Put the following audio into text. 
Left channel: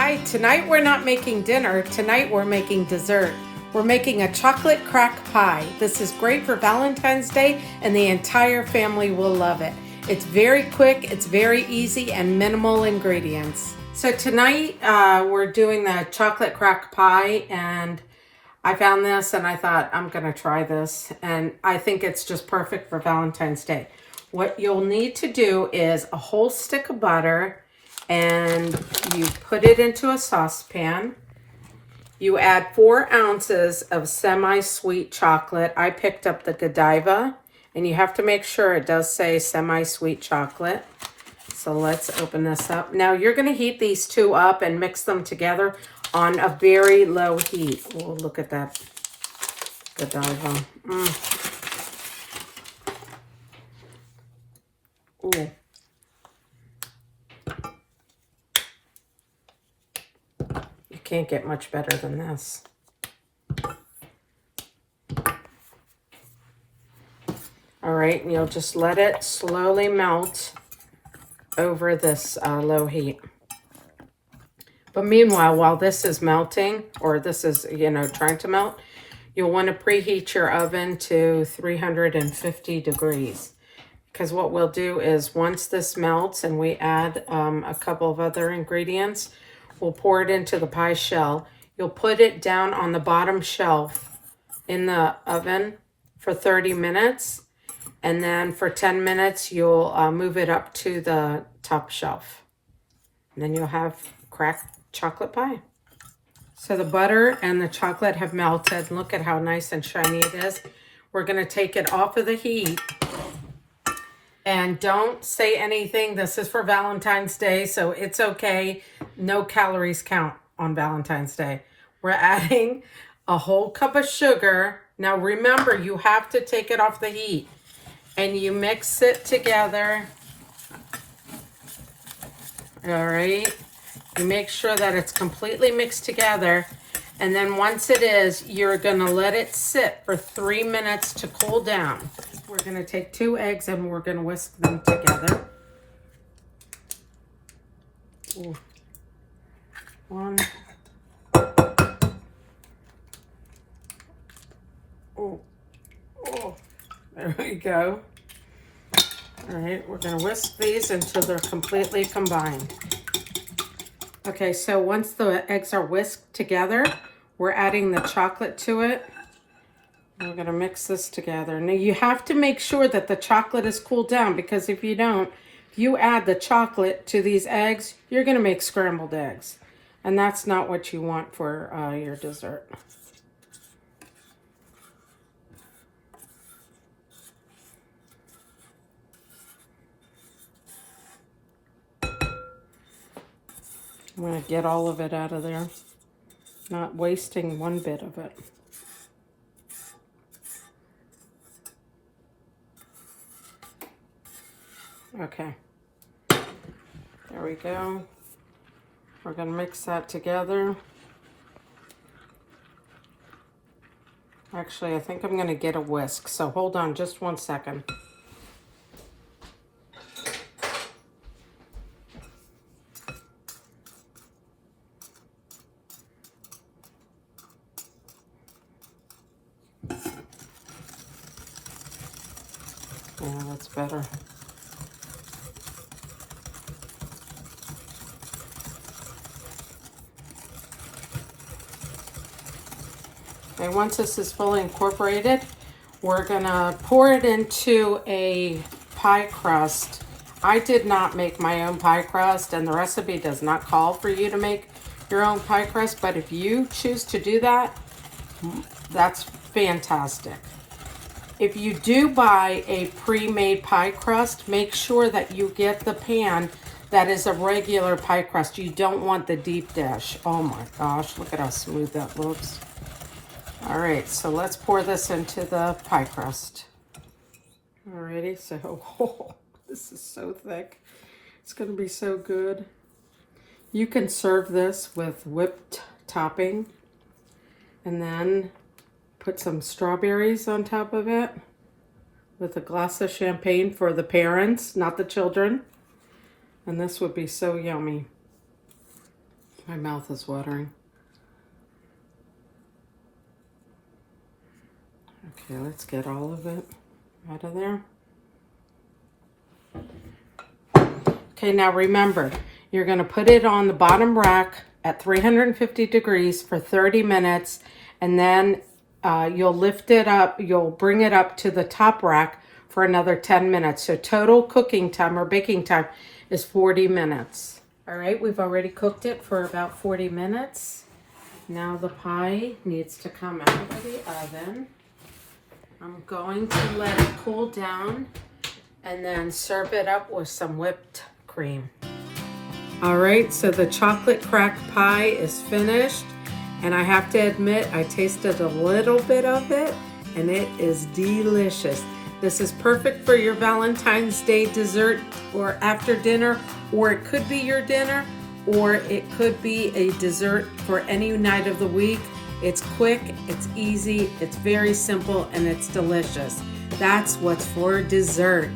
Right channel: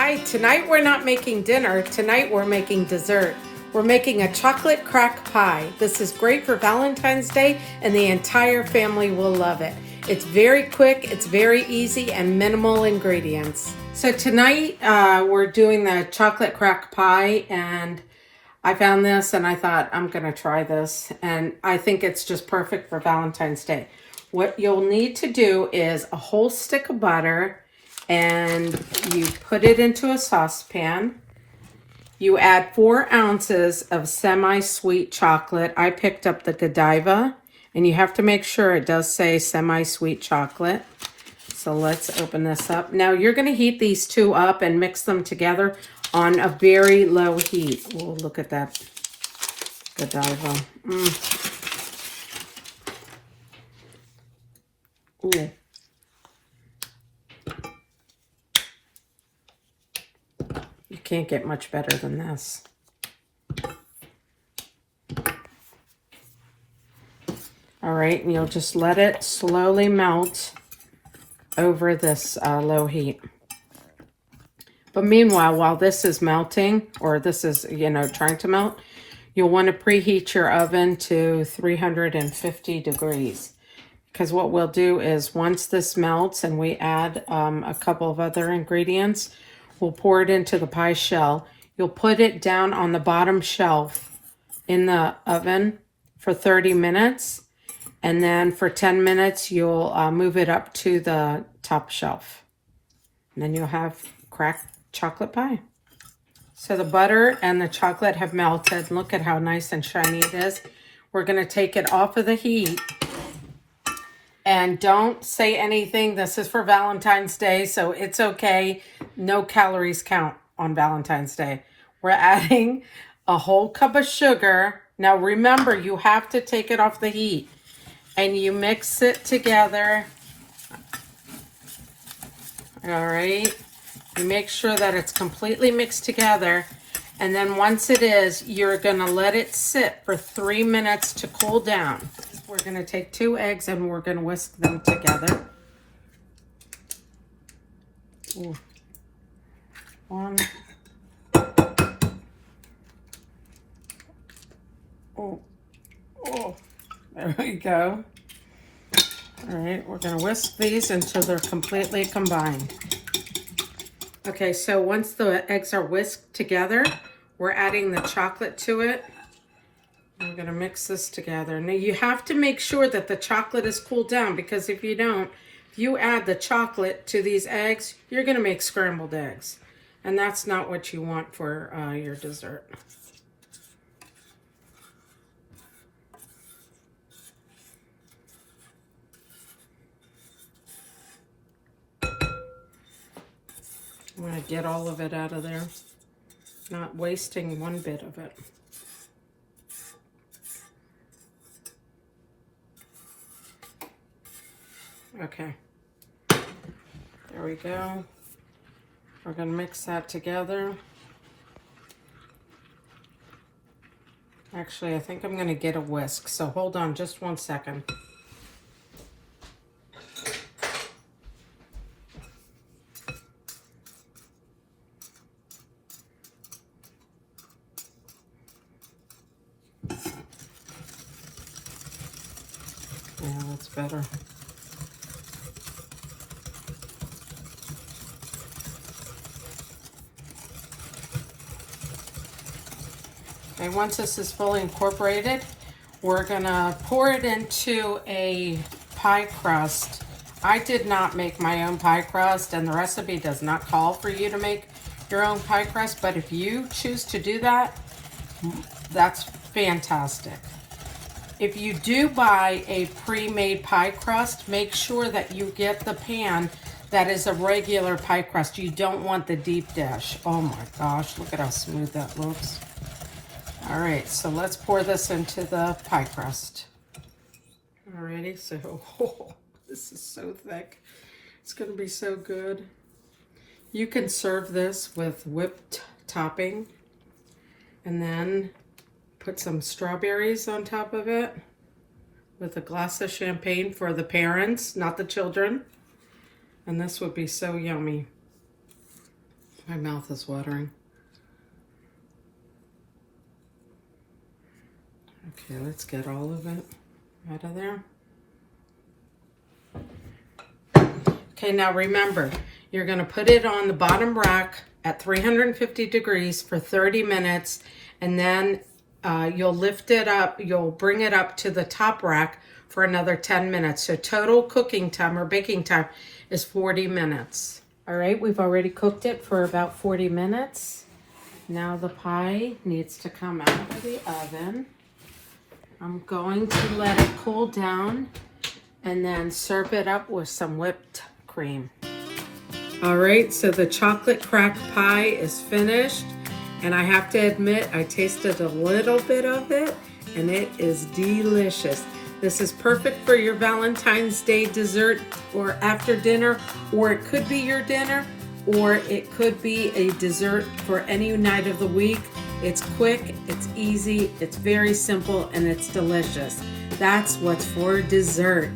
Hi, tonight we're not making dinner. Tonight we're making dessert. We're making a chocolate crack pie. This is great for Valentine's Day and the entire family will love it. It's very quick, it's very easy, and minimal ingredients. So tonight we're doing the chocolate crack pie, and I found this and I thought I'm gonna try this, and I think it's just perfect for Valentine's Day. What you'll need to do is a whole stick of butter, and you put it into a saucepan. You add 4 ounces of semi-sweet chocolate. I picked up the Godiva, and you have to make sure it does say semi-sweet chocolate. So let's open this up. Now you're gonna heat these two up and mix them together on a very low heat. Oh, look at that Godiva. Ooh. You can't get much better than this. All right, and you'll just let it slowly melt over this low heat. But meanwhile, while this is melting, or this is, trying to melt, you'll want to preheat your oven to 350 degrees. Because what we'll do is once this melts and we add a couple of other ingredients, we'll pour it into the pie shell. You'll put it down on the bottom shelf in the oven for 30 minutes. And then for 10 minutes, you'll move it up to the top shelf. And then you'll have cracked chocolate pie. So the butter and the chocolate have melted. Look at how nice and shiny it is. We're going to take it off of the heat. And don't say anything. This is for Valentine's Day, so it's okay. No calories count on Valentine's Day. We're adding a whole cup of sugar. Now remember, you have to take it off the heat. And you mix it together. All right. You make sure that it's completely mixed together. And then once it is, you're going to let it sit for 3 minutes to cool down. We're going to take 2 eggs and we're going to whisk them together. Ooh. 1. Oh. Oh. There we go. All right, we're going to whisk these until they're completely combined. Okay, so once the eggs are whisked together, we're adding the chocolate to it. We're going to mix this together. Now you have to make sure that the chocolate is cooled down, because if you don't, if you add the chocolate to these eggs, you're going to make scrambled eggs. And that's not what you want for your dessert. I'm going to get all of it out of there, not wasting one bit of it. Okay, there we go. We're going to mix that together. Actually, I think I'm going to get a whisk, so hold on just 1 second. Yeah, that's better. And once this is fully incorporated, we're gonna pour it into a pie crust. I did not make my own pie crust, and the recipe does not call for you to make your own pie crust, but if you choose to do that, that's fantastic. If you do buy a pre-made pie crust, make sure that you get the pan that is a regular pie crust. You don't want the deep dish. Oh my gosh, look at how smooth that looks. All right, so let's pour this into the pie crust. Alrighty, so this is so thick. It's gonna be so good. You can serve this with whipped topping, and then put some strawberries on top of it with a glass of champagne for the parents, not the children. And this would be so yummy. My mouth is watering. Okay, let's get all of it out of there. Okay, now remember, you're going to put it on the bottom rack at 350 degrees for 30 minutes, and then you'll lift it up, you'll bring it up to the top rack for another 10 minutes. So total cooking time or baking time is 40 minutes. All right, we've already cooked it for about 40 minutes. Now the pie needs to come out of the oven. I'm going to let it cool down and then serve it up with some whipped cream. All right, so the chocolate crack pie is finished, and I have to admit I tasted a little bit of it and it is delicious. This is perfect for your Valentine's Day dessert or after dinner, or it could be your dinner, or it could be a dessert for any night of the week. It's quick, it's easy, it's very simple, and it's delicious. That's what's for dessert.